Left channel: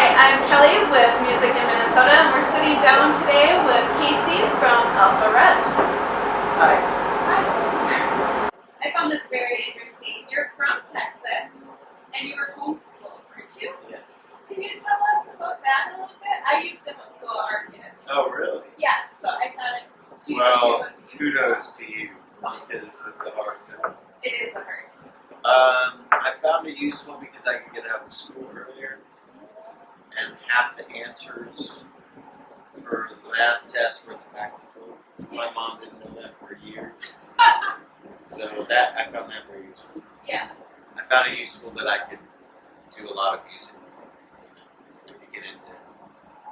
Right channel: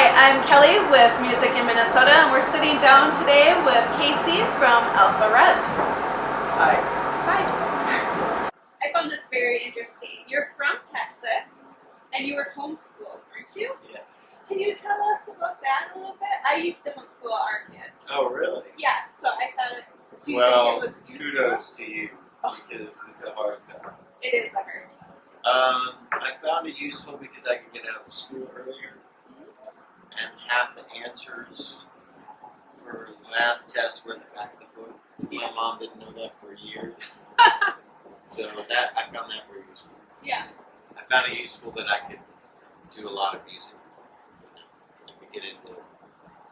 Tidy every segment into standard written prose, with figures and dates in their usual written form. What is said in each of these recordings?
Hi, I'm Kelly with Music in Minnesota, and we're sitting down today with Casey from Alpha Rev. Hi. Hi. I found this very interesting. You're from Texas, and you were homeschooled, weren't you? Yes. Can you tell us about that a little bit? I used to homeschool our kids. Oh, really? Yeah, so I thought do you think it was useful? Kudos to you, because it's a hard job. It is a hard job. I found it useful because I could get out of school earlier, and half the answers for the math tests were in the back of the book. My mom didn't know that for years, so I found that very useful. Yeah. I found it useful that I could do a lot of music. I could get into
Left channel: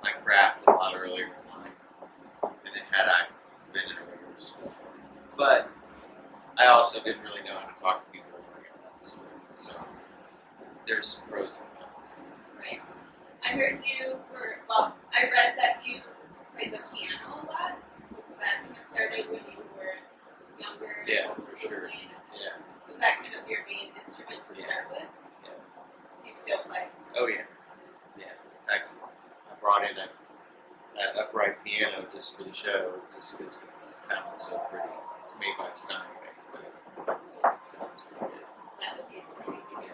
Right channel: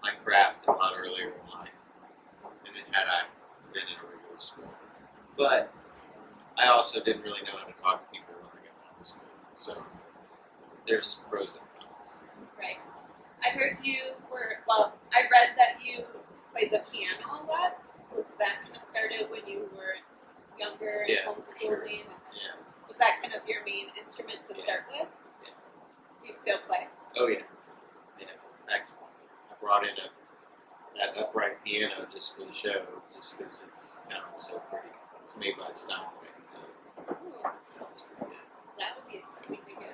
my craft a lot earlier in life than had I been in a regular school. But I also didn't really know how to talk to people when I got out of school. So there's some pros and cons. Right. I heard I read that you played the piano a lot. Was that kind of started when you were younger and Yeah, homeschooling? for sure. And Yeah. Was that kind of your main instrument to start with? Yeah. Do you still play? Oh, yeah. Yeah. In fact, I brought in that upright piano just for the show, just because it sounds so pretty. It's made by Steinway, so it sounds pretty good. That would be exciting to hear.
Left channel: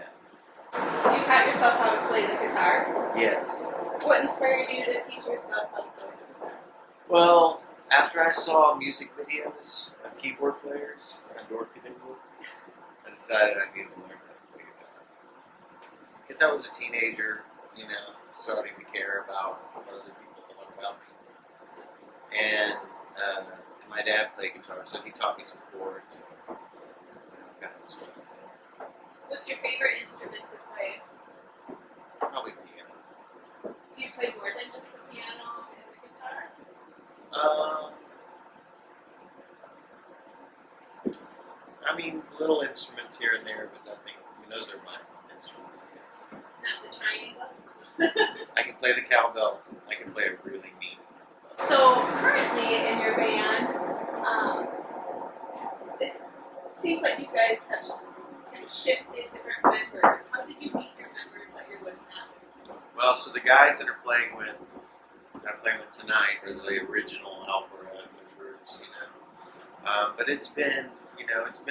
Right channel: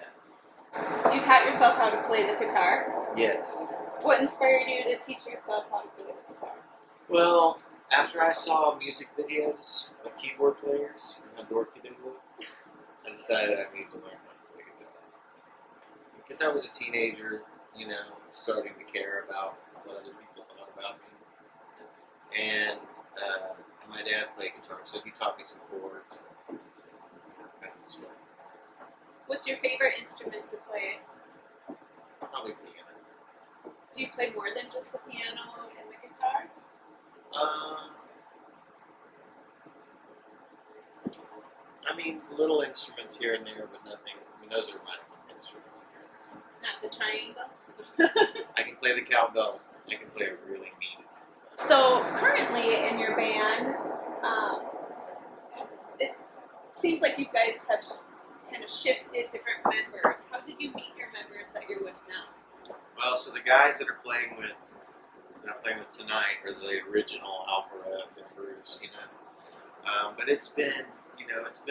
Yeah. You taught yourself how to play the guitar? Yes. What inspired you to teach yourself how to play the guitar? Well, after I saw music videos of keyboard players and how dorky they look, I decided I needed to learn how to play guitar. Because I was a teenager, starting to care about what other people thought about me. And my dad played guitar, so he taught me some chords. Kind of just went with that. What's your favorite instrument to play? Probably piano. Do you play more than just the piano and the guitar? Little instruments here and there, but nothing. Those are my instruments, I guess. Not the triangle? I can play the cowbell. I can play a really mean cowbell. So, currently in your band, it seems like you guys have kind of shifted different members. How did you meet your members that you're with now? Well, so the guys that I'm playing with tonight are the original Alpha Rev members, but it's been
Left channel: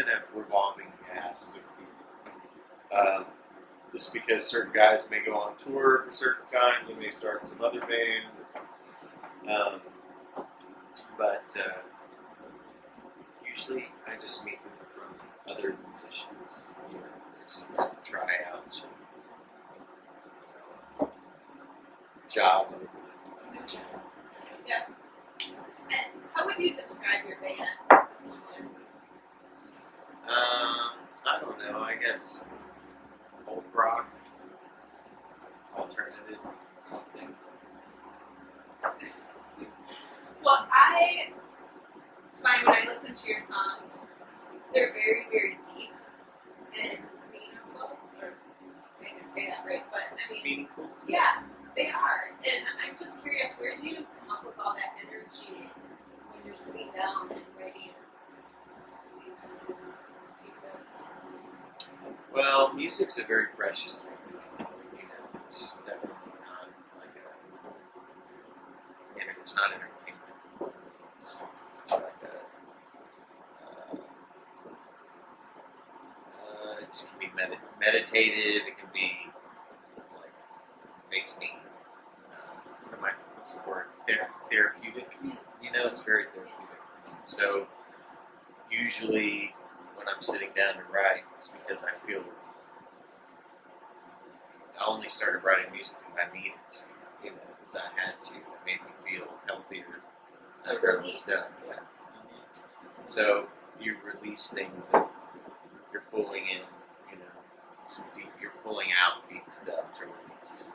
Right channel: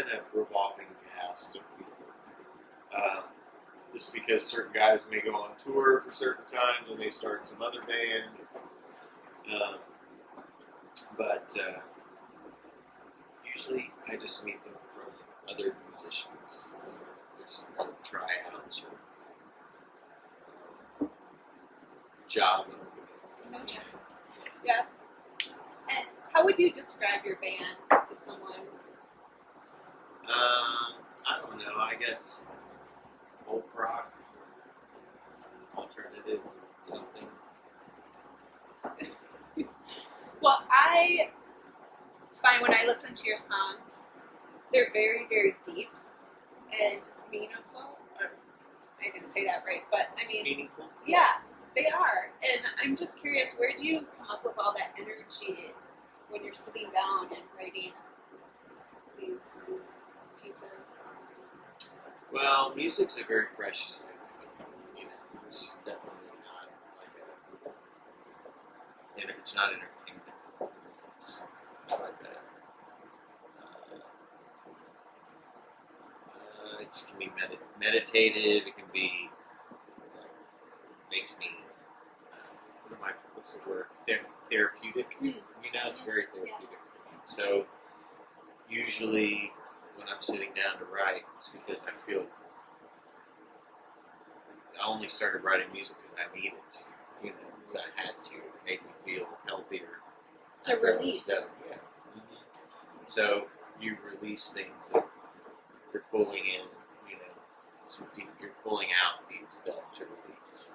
a revolving cast of people. Just because certain guys may go on tour for certain times and may start some other band. But usually I just meet them from other musicians. There's tryouts or job openings. No job. Yeah. And how would you describe your band to someone? I don't know. I guess folk rock, alternative, something. Well, I find when I listen to your songs, they're very, very deep and meaningful. Or I didn't say that right, but I mean Meaningful? Yeah, they are. And I'm just curious, where do you come up with all that energy when you're sitting down and writing these pieces? Well, music's a very precious thing to me. It's definitely not like it's not entertainment. It's like it can be meditative. It can be like makes me what's the word? Therapeutic. It's very therapeutic for me. So usually when I'm sitting down to write, it's because I feel I only started writing music because I needed to, because I had to. It made me feel healthier. It's a release. Yeah. Mm-hmm. So you release things that you're pulling in, some deep. You're pulling out deep stuff to release.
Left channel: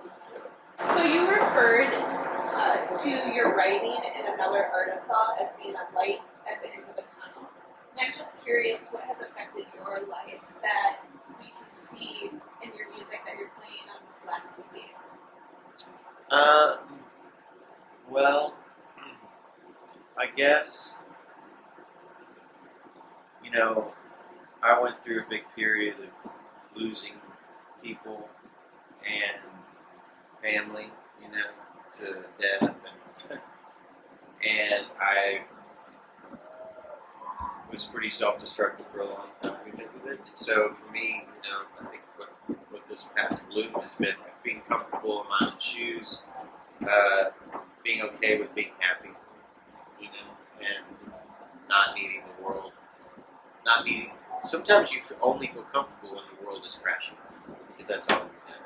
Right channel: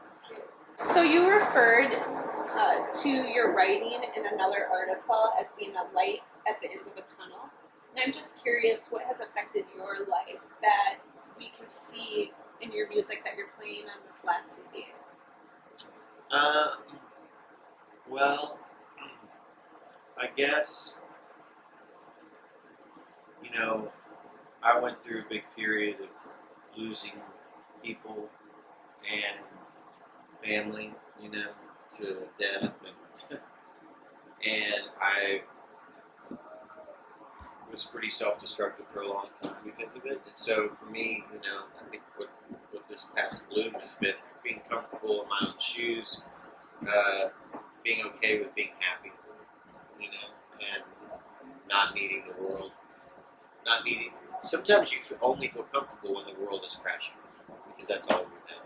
So you referred to your writing in another article as being a light at the end of a tunnel. And I'm just curious, what has affected your life that we can see in your music that you're playing on this last CD? Well, I guess, I went through a big period of losing people and family, to death, and I was pretty self-destructive for a long time because of it. And so for me, I think what this past bloom has been like being comfortable in my own shoes, being okay with being happy, and not needing the world, not needing. Sometimes you only feel comfortable when the world is crashing because that's all you know.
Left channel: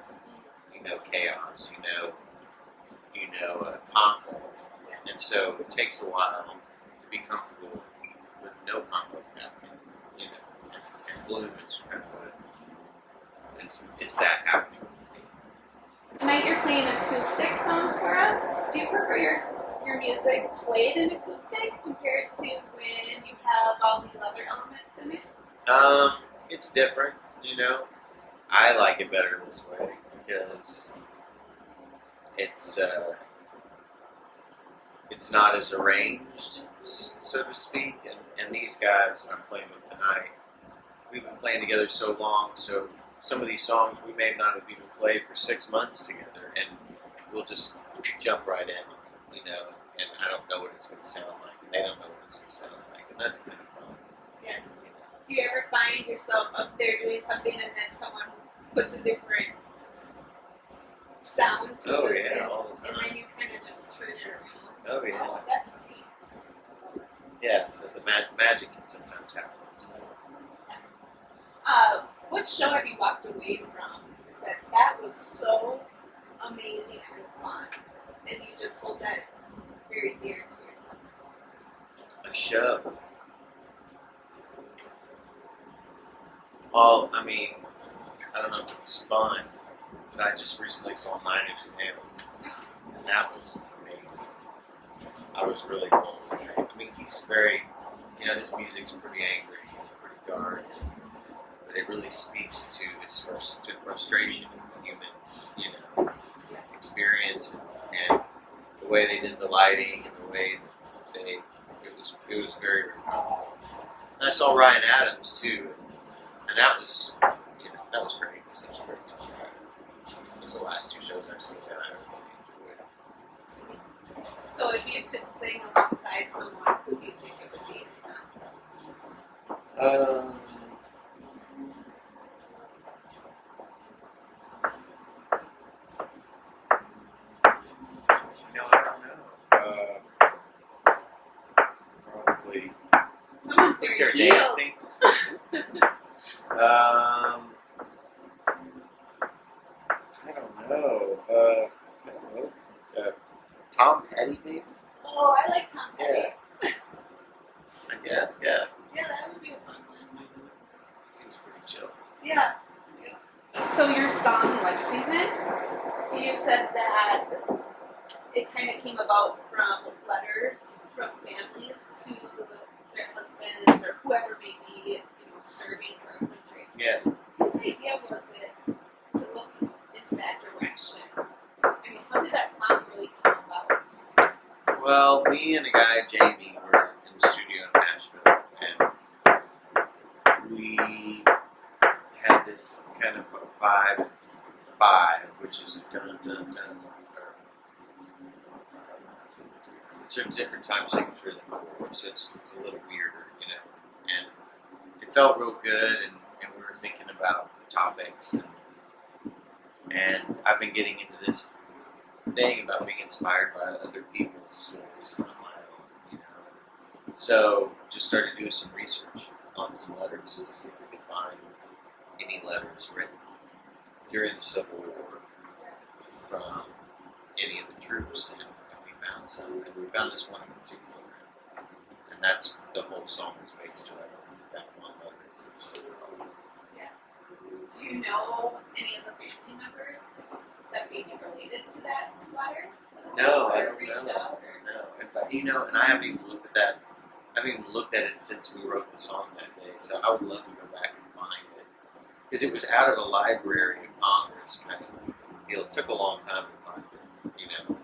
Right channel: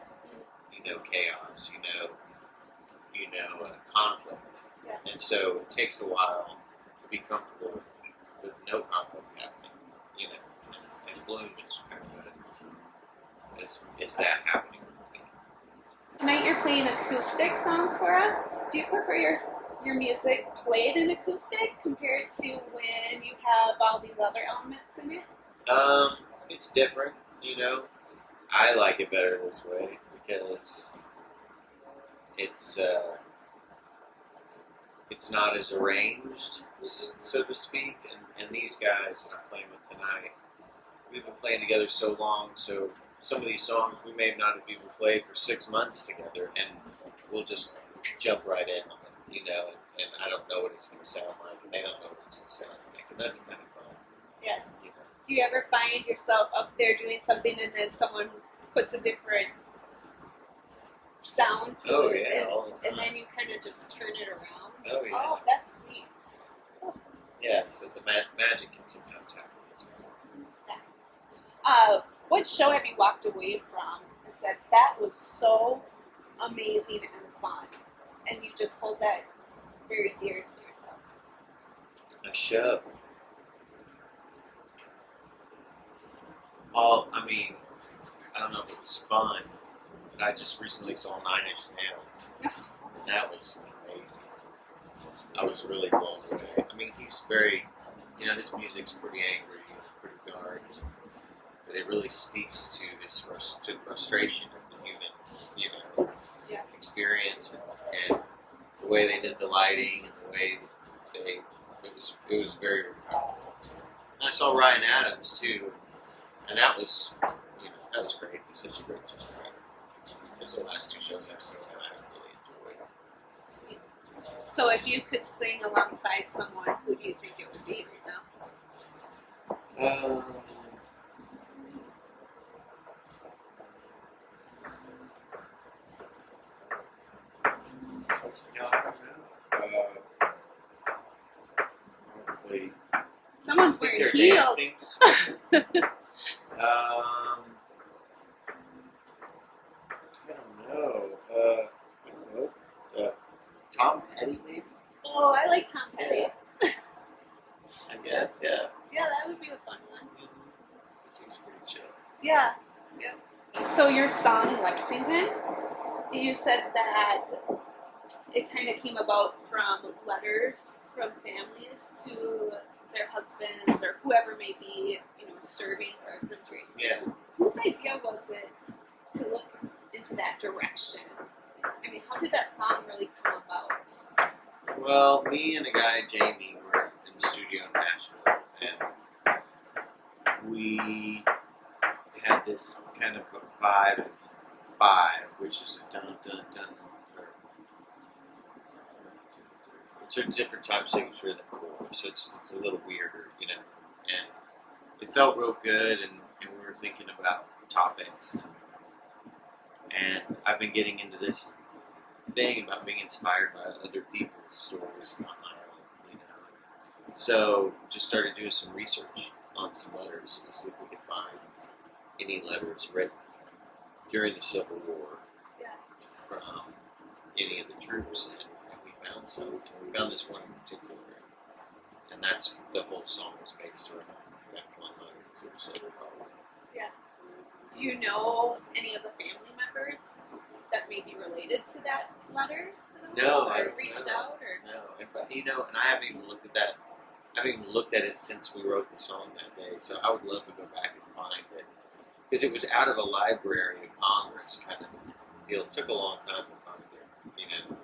You know chaos. You know conflict, and so it takes a while to be comfortable with no conflict happening, and bloom is kind of is that happening for me. Tonight you're playing acoustic songs for us. Do you prefer your music played in acoustic compared to when you have all these other elements in it? It's different, I like it better this way because it's not as arranged, so to speak, and these guys that I'm playing with tonight, we've been playing together so long, so some of these songs we may not have even played for 6 months together, and we'll just jump right in on it, and I don't know what it's going to sound like, and they don't know what it's going to sound like, and that's kind of fun. Yeah. Do you ever find yourself up there doing something and then someone puts a different sound to it, all the time. and then you kind of just turn it around? Oh, yeah. Oh, that's neat. Yeah, so the magic can sometimes happen. What show have you walked away from and said, that was so amazing and fun, and you just hold that very dear to yourself? A show. Well, I mean, I don't know if it was fun, but I just recently saw 9 Inch Nails, and that was amazing. I was really blown away. I mean, he's very, his music's pretty angry and pretty dark, but it really speaks to his frustration of the human, experience, and the way they did the lighting and the way that it was very, very powerful. And I saw Ryan Adams too, and that was great. He's such a great songwriter. Those are the last 2 shows I've seen that I really enjoyed. So if you could sing alongside someone, who do you think it would be right now? I don't know. Probably. Someone's I think wearing they're heels. dancing. I don't know. Tom Petty, maybe? Oh, I like Tom Petty. Yeah. I guess, yeah. Yeah, that would be a fun one. Mm-hmm. Seems pretty chill. Yeah. So your song Lexington, you said that it kind of came about from letters from families to their husbands or whoever may be, serving for our country. Yeah. Whose idea was it to look into that direction? I mean, how did that song really come about? Well, me and a guy, Jamie, were in the studio in Nashville, and we had this kind of vibe in 5, which is a dun dun dun. It's a different time signature than 4, so it's a little weirder, and it felt real good, and we were thinking about topics, and I've been getting into this thing about being inspired by other people's stories, not my own, and so just started doing some research on some letters to see if we could find any letters written during the Civil War from any of the troops, and we found some, and we found this one in particular, and that's the whole song was based around that one letter. So it was so powerful. Yeah. Do you know any of the family members that may be related to that letter? No, or I don't reached know. out, or No, in fact, and I haven't even looked at that. I haven't even looked at it since we wrote the song that day. So I would love to go back and find it because it was out of a Library of Congress kind of deal. It took a long time to find it,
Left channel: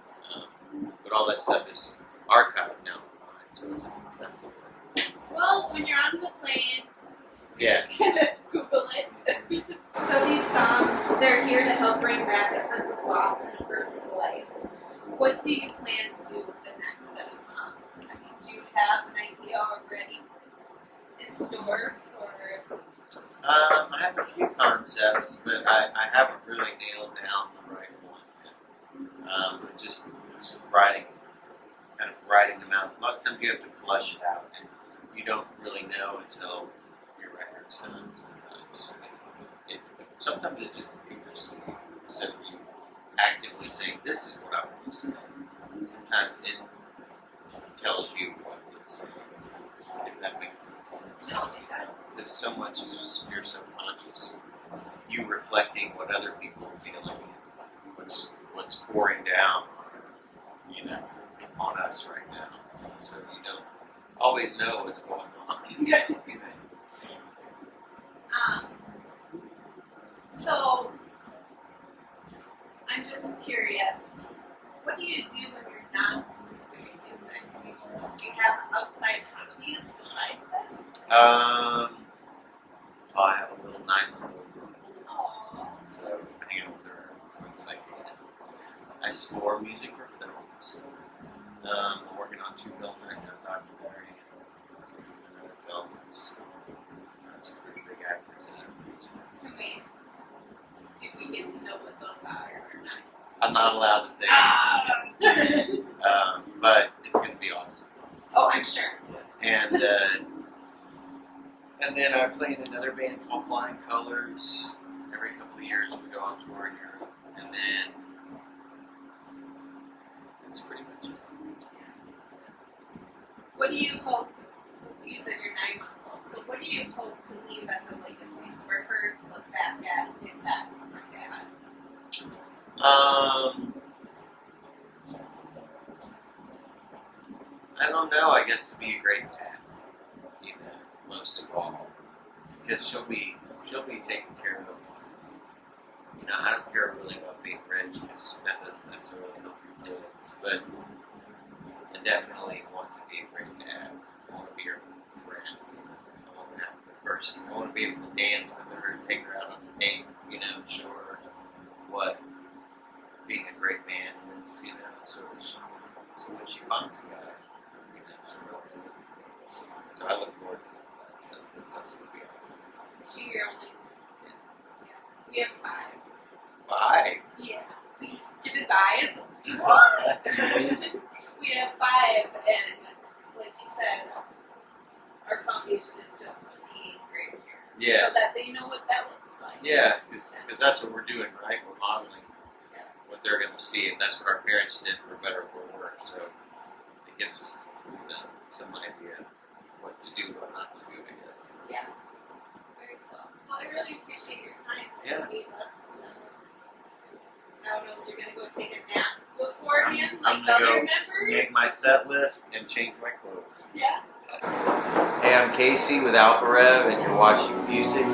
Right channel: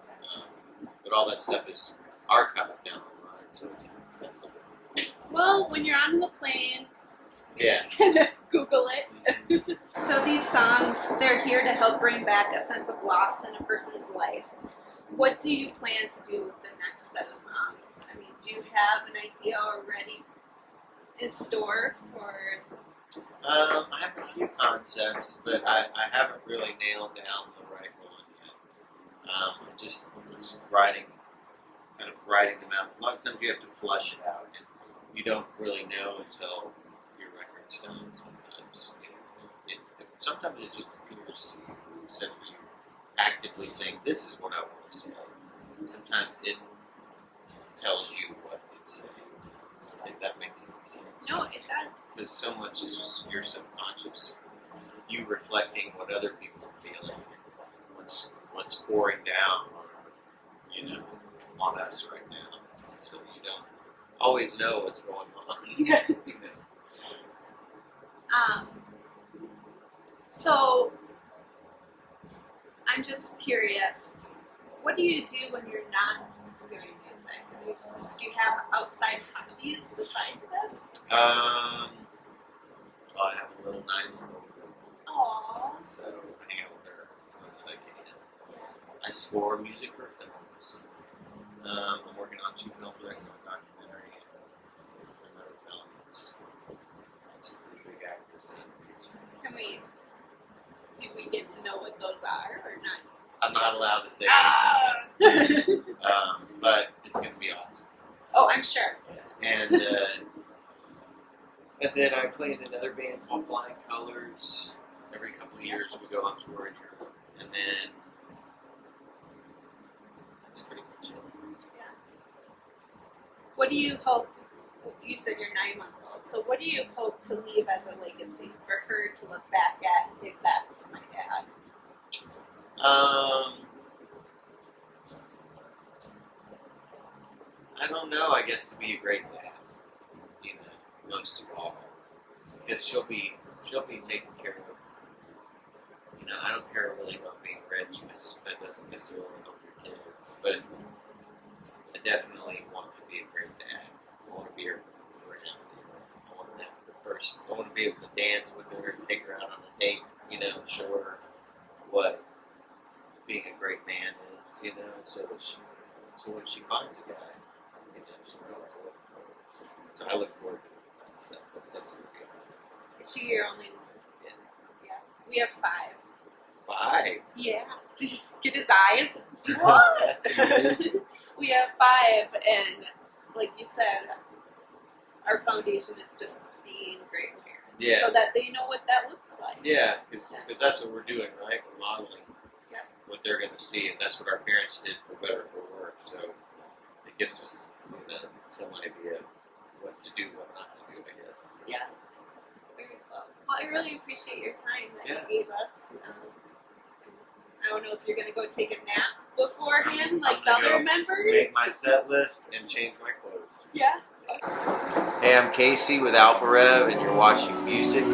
but all that stuff is archived now online, so it's accessible. Well, when you're on the plane Yeah. Google it. So these songs, they're here to help bring back a sense of loss in a person's life. What do you plan to do with the next set of songs? I mean, do you have an idea already in store for? I have a few concepts, but I haven't really nailed down the right one yet. I just was writing them out. A lot of times you have to flush it out, and you don't really know until your record's done. Sometimes, sometimes it just appears to you instead of you actively saying, "This is what I want to say." Sometimes it tells you what it's saying. If that makes any sense. No, it does. Because so much is your subconscious, you reflecting what other people are feeling, what's pouring down, on us right now. So you don't always know what's going on. So I'm just curious. What do you do when you're not doing music? Do you have outside hobbies besides this? I have a little 9-month-old girl, Aww. so I hang out with her as much as I can. I score music for films. I'm working on 2 films right now, a documentary and another film that's got some pretty big actors in it. Do we get to know what those are or not? I'm not allowed to say anything yet. But it's going to be awesome. Oh, I'm sure. And then I play in another band called Flying Colors. Every couple of years we go on tour in Europe. And then that's pretty much it. Yeah. What do you hope? You said you're 9-month-old. So what do you hope to leave as a legacy for her to look back at and say, "That's my dad"? I don't know. I guess to be a great dad, most of all, because she'll be taken care of. I don't care really about being rich because that doesn't necessarily help your kids. But I definitely want to be a great dad. I want to be her friend. I want to have a good person. I want to be able to dance with her, take her out on a date. Show her what being a great man is. So when she finds a guy, she'll know what to look for. So I look forward to that stuff. That stuff's going to be awesome. Is she your only one? Yeah. We have 5. 5? Yeah. Did you just get his eyes? What? That's amazing. We have 5, and like you said, our foundation is just being great parents. Yeah. So that they know what that looks like. Yeah, because that's what we're doing, right? We're modeling Yep. what they're going to see, and that's what our parents did for better or for worse. So it gives us, some idea of what to do, what not to do, I guess. Yeah. Very cool. Well, I really appreciate your time that you gave us. I don't know if you're going to go take a nap beforehand like the other members. Make my set list and change my clothes. Yeah. Hey, I'm Casey with Alpha Rev, and you're watching Music